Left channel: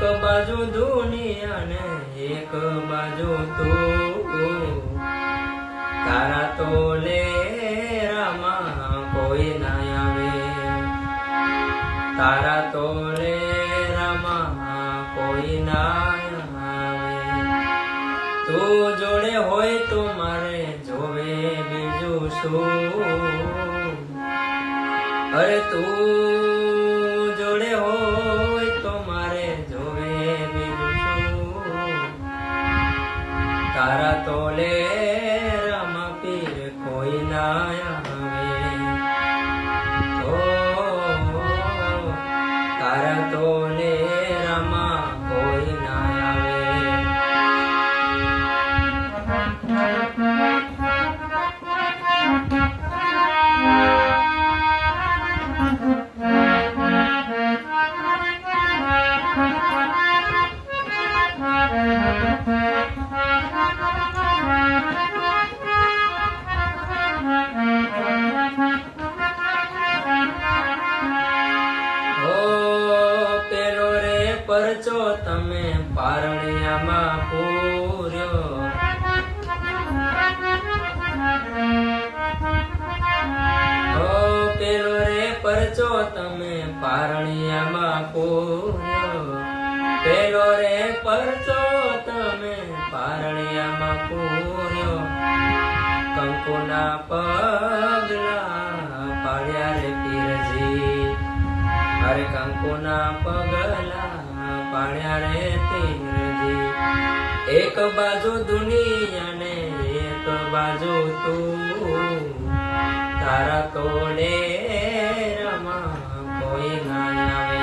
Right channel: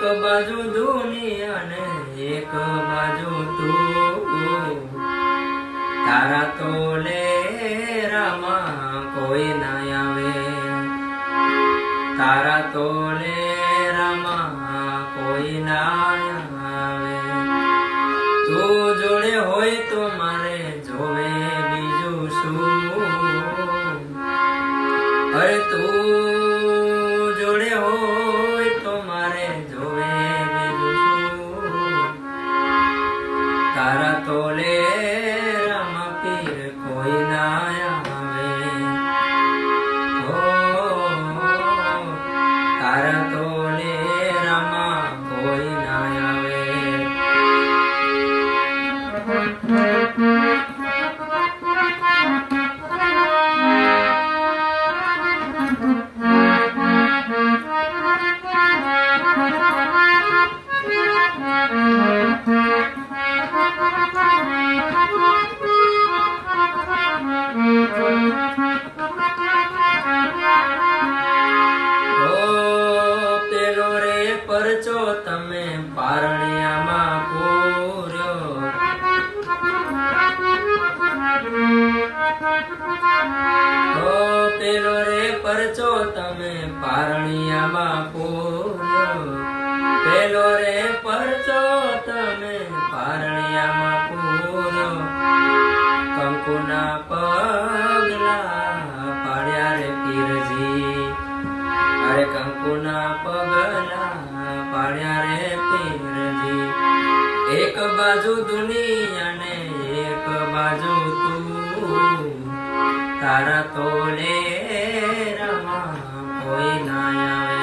એક બાજુ દુનિયા ને એક બાજુ તું, તારા તોલે રામા કોઈ ના આવે, તારા તોલે રામા કોઈ ના આવે. તું જોડે હોય તો મારે જોવે બીજું શું, અરે તું જોડે હોય તો મારે જોવે બીજું શું, તારા તોલે રામા પીર કોઈ ના આવે. ઓ તારા તોલે રામા કોઈ ના આવે. પરચો તમે પારણિયામાં પૂર્યો, ઓ પેલો રે પરચો તમે પારણિયામાં પૂર્યો, પેલો રે પરચો તમે પારણિયામાં પૂર્યો. કંકુના પગલા પાડ્યા રે પીરજી, અરે કંકુના પગલા પાડ્યા રે પીરજી. એક બાજુ દુનિયા ને એક બાજુ તું, તારા તોલે રામા કોઈ ના આવે.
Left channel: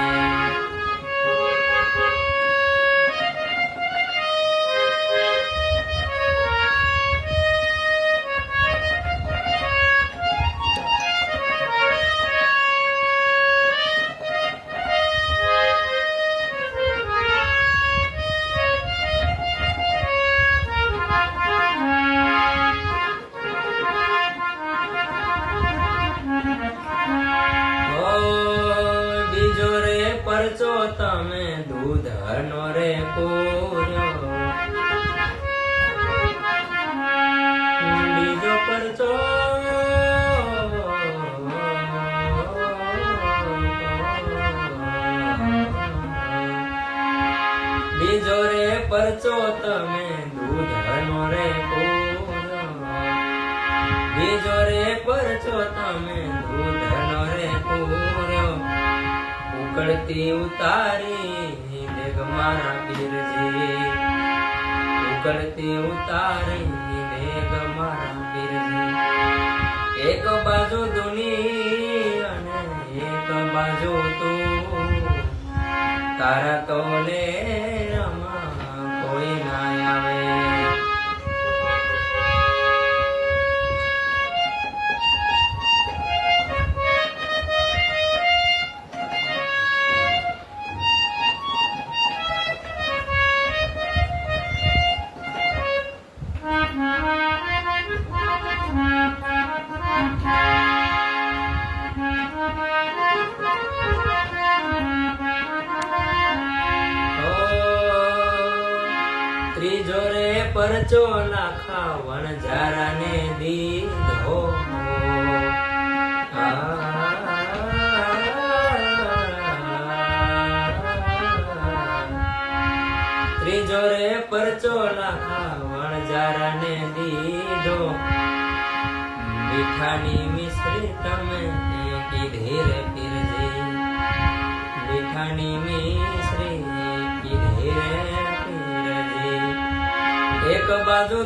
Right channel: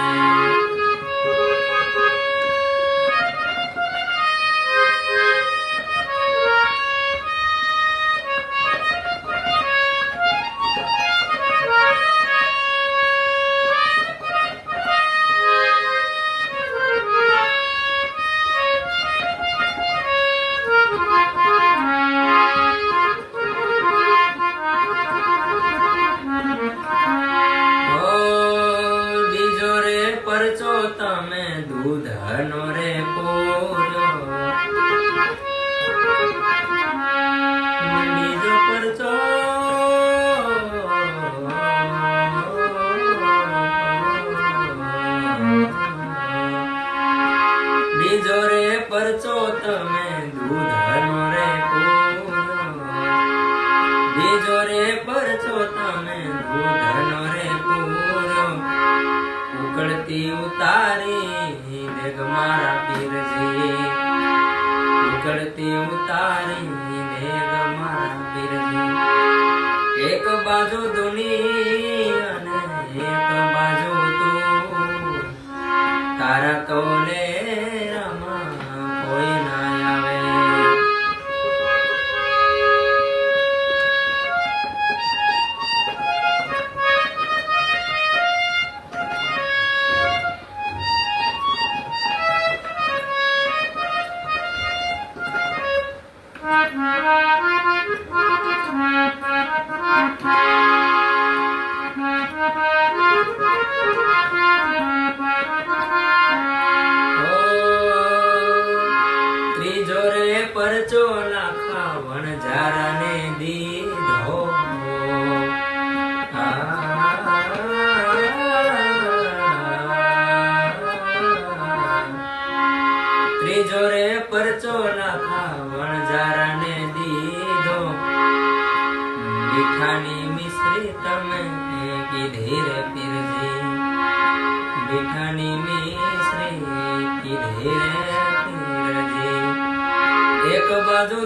પરચો તમે દૂધનો રે પૂર્યો, બીજો પરચો બીજો રે પરચો તમે દૂધનો રે પૂર્યો, બીજો રે પરચો તમે દૂધનો રે પૂર્યો. ઉકળતી ઉતારી દેગ મારા પીરજી, ઉકળતી ઉતારી દેગ મારા પીરજી. એક બાજુ દુનિયા ને એક બાજુ તું, તારા તોલે રામા કોઈ ના આવે. ત્રીજો રે પરચો નાખા વણઝારા ને દીધો, ત્રીજો રે પરચો નાખા વણઝારા ને દીધો. મીઠાની મિશ્રી તમે કીધી રે પીરજી, મીઠાની મિશ્રી કીધી રે પીરજી. એક બાજુ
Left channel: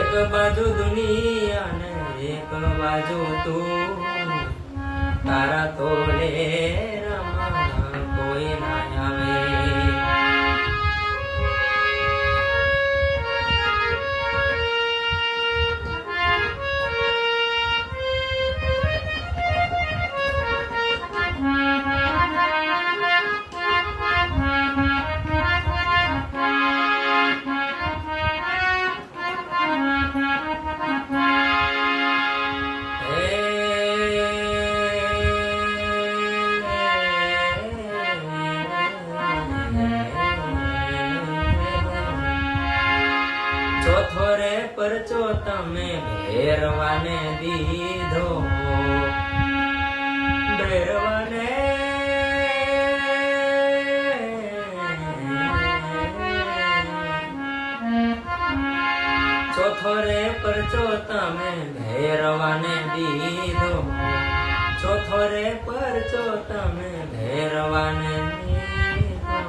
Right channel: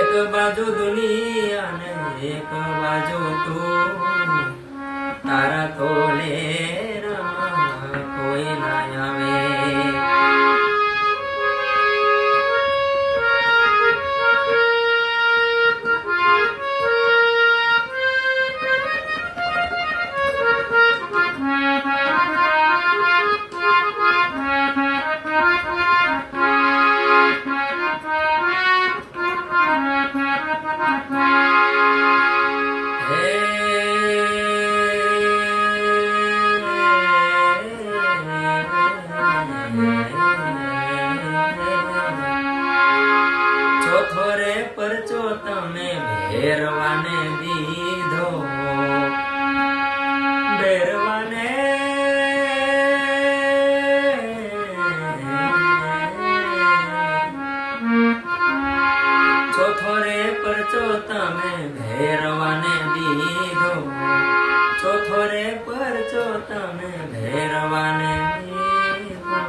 એક બાજુ દુનિયા ને એક બાજુ તું, તારા તોલે રામા કોઈ ના આવે. દીધો ભેરવાને ચોથો રે પરચો તમે ભેરવાને દીધો ચોથો રે પરચો તમે ભેરવાને દીધો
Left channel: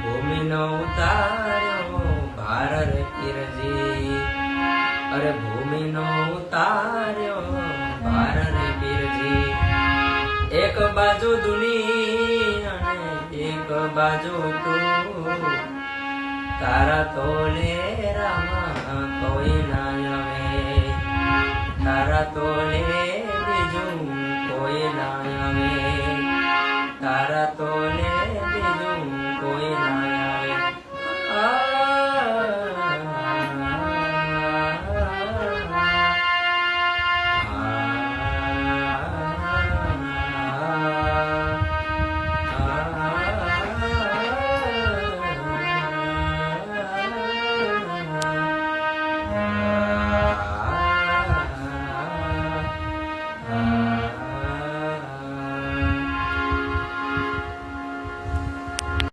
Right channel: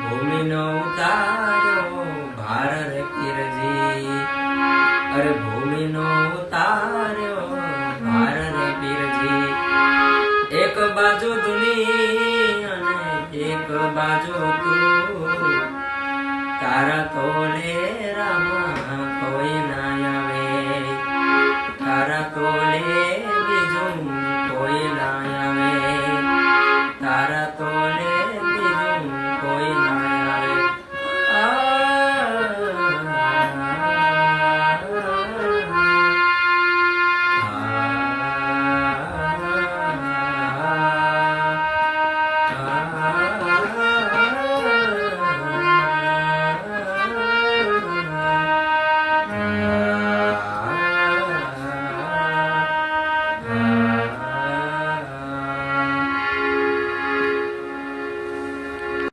ભૂમિનો ઉતાર્યો ભાર રે પીરજી અરે ભૂમિનો ઉતાર્યો ભાર રે પીરજી એક બાજુ દુનિયા અને એક બાજુ તું તારા તોલે રામા કોઈ ના આવે તારા તોલે